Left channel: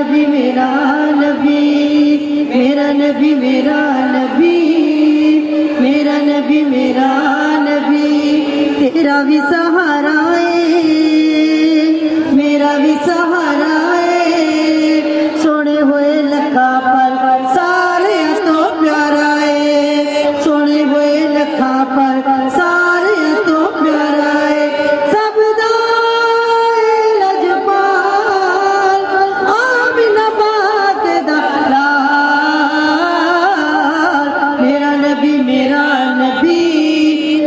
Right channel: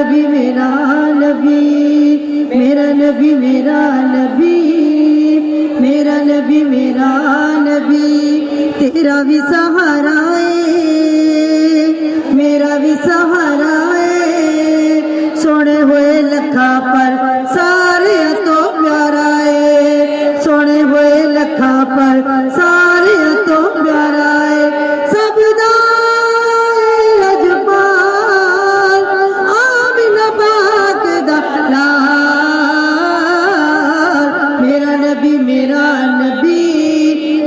नबी मेरा नबी, मेरा नबी मेरा नबी, मेरा नबी मेरा नबी, तेरा भी सहारा है, मेरा भी सहारा है, सोने हुए लखा पर सारे तो प्यारा है, सोने हुए लखा पर सारे तो प्यारा है, सबदा लजपाल आमिना पाक दा लाल, मेरा नबी मेरा नबी,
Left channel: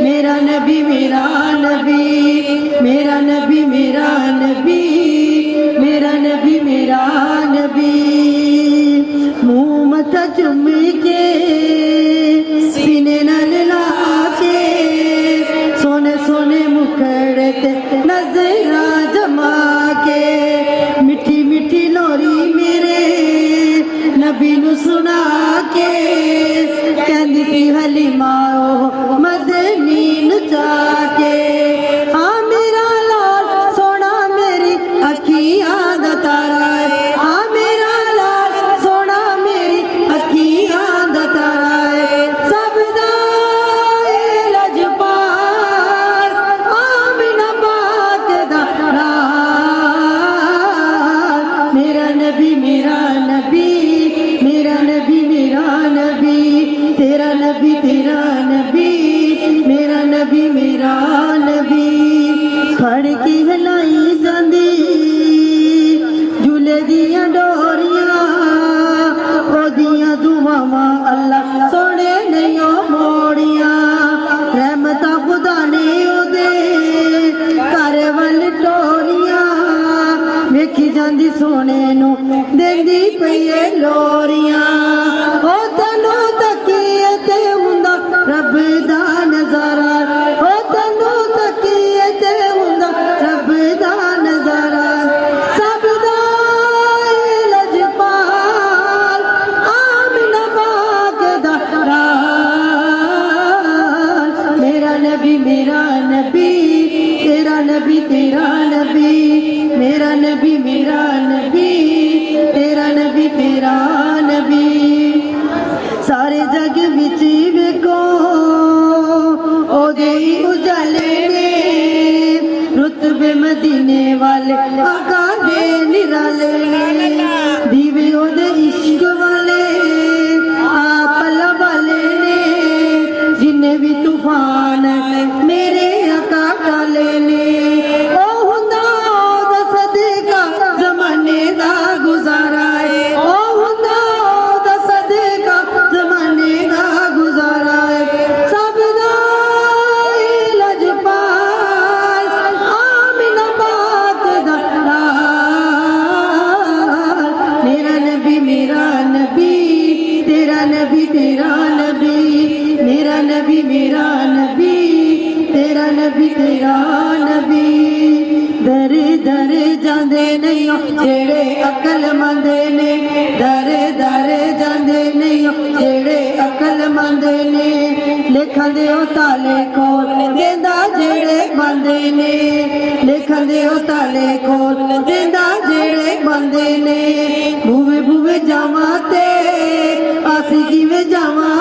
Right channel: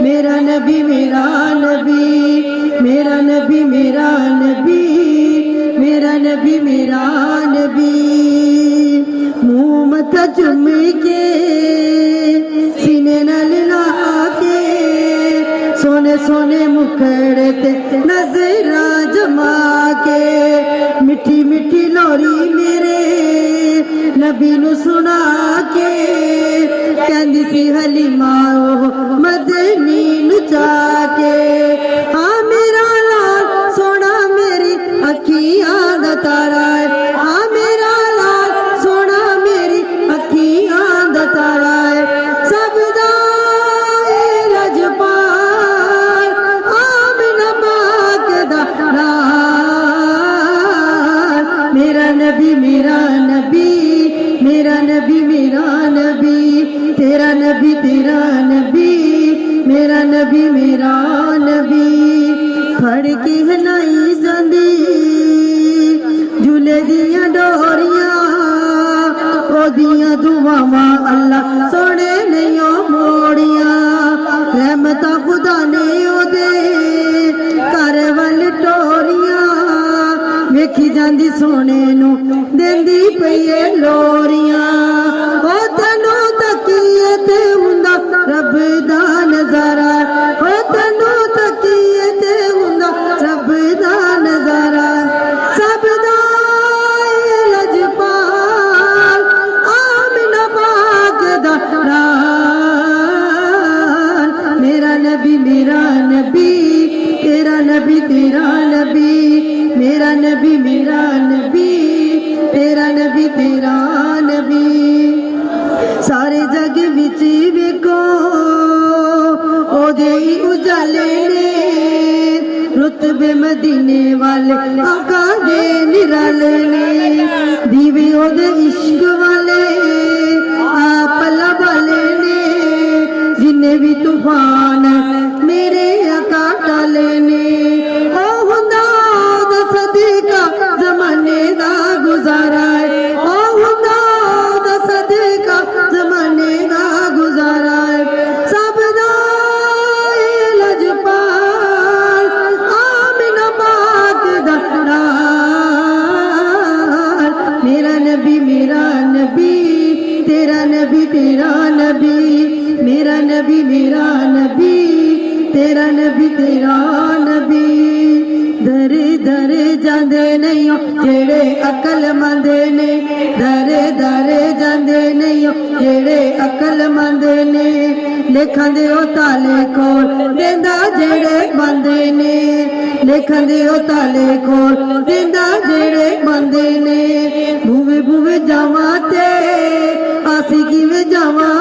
मेरा नबी मेरा नबी, मेरा नबी मेरा नबी, मेरा नबी मेरा नबी, मुँह मथा चुम के सीने नाल ला के, सोने सोने मुखड़े ते नजरा जमा के, मिठी मिठी लोरी मेरे नबी नू सुना के, कहंदी सी हलीमा ओ मदनी नू चाके, हाँ मेरा लाल सोना मेरी अखियां दा तारा है, हाँ मेरा लाल सोना मेरी अखियां दा तारा है, सबदा लजपाल आमिना पाक दा लाल, मेरा नबी मेरा नबी, मेरा नबी मेरा नबी, तेरा नबी तेरा नबी, मेरा नबी मेरा नबी, फड़ की हलाई जांदी झूले दियां डोरियां, ओदियां दुआवां अल्लाह सोने ने ओ मोड़ियां, रहमतां खुदा ने ओदे घर वल टोरियां, वेखी जांदी सोने नू देंदी पईए लोरियां, ओ तैनू तकीए ते हुंदा रब दा नज़ारा, ओ तैनू तकीए ते हुंदा रब दा नज़ारा, सबदा लजपाल आमिना पाक दा लाल, मेरा नबी मेरा नबी, तेरा नबी तेरा नबी, मेरा नबी मेरा नबी, तेरा नबी तेरा नबी, सारे जग विच वेखो ओदे ही उजाले ने, रुतबे मदीने वाले आका दे निराले ने, दीवे ओदे इश्क वाले आप वाले ने, जिन्ने भी तूफान मेरे आका टाले ने, ओ हुंदा दा सदका जमाने दा गुजारा है, ओ हुंदा दा सदका जमाने दा गुजारा है, सबदा लजपाल आमिना पाक दा लाल, मेरा नबी मेरा नबी, तेरा नबी तेरा नबी, मेरा नबी मेरा नबी, तेरा नबी तेरा नबी, दरे दरे जांदे नहीं जेड़े अकलमंद ने, दरे दरे जांदे नहीं जेड़े अकलमंद ने, लिखन दे ओ ताले कोल देंदा जेड़े बंदे ने, लिखन दे ओ ताले कोल देंदा जेड़े बंदे ने, भूवे भूवे जावां ते आसी किवें जावां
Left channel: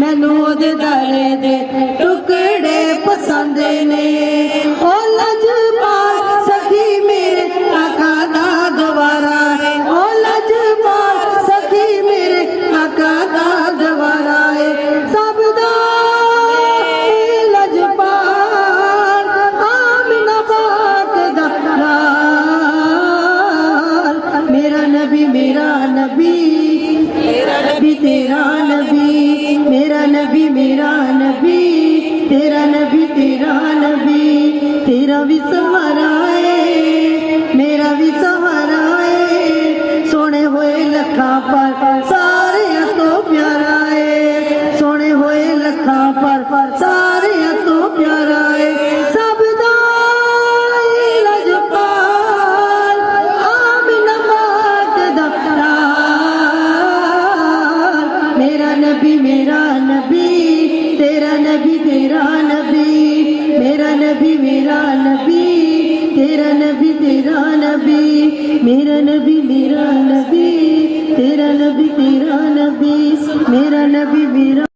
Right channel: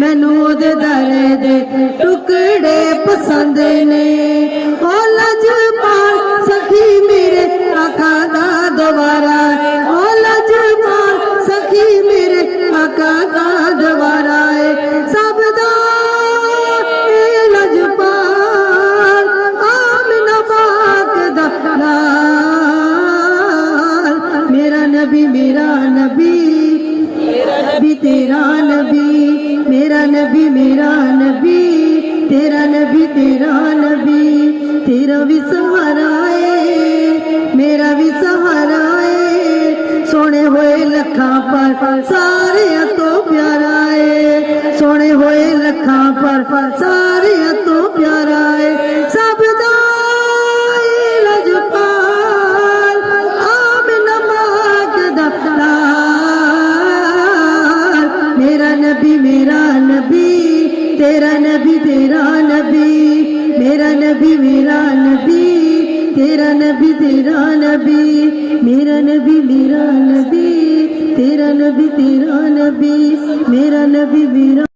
मैनू ओदे दारे दे टुकड़े पसंद ने, ओ लजपाल सखी मेरे आका दा दवारा है, ओ लजपाल सखी मेरे आका दा दवारा है, सबदा लजपाल आमिना पाक दा लाल, मेरा नबी मेरा नबी, मेरा नबी तेरा नबी, मेरा नबी मेरा नबी, तेरा नबी तेरा नबी, तेरा भी सहारा है, मेरा भी सहारा है, सोने हुए लखा पर सारे तो प्यारा है, सोने हुए लखा पर सारे तो प्यारा है, सबदा लजपाल आमिना पाक दा लाल, मेरा नबी मेरा नबी, तेरा नबी तेरा नबी, मेरा नबी मेरा नबी, तेरा नबी तेरा नबी, मेरा नबी मेरा नबी, तेरा नबी तेरा नबी, मेरा नबी मेरा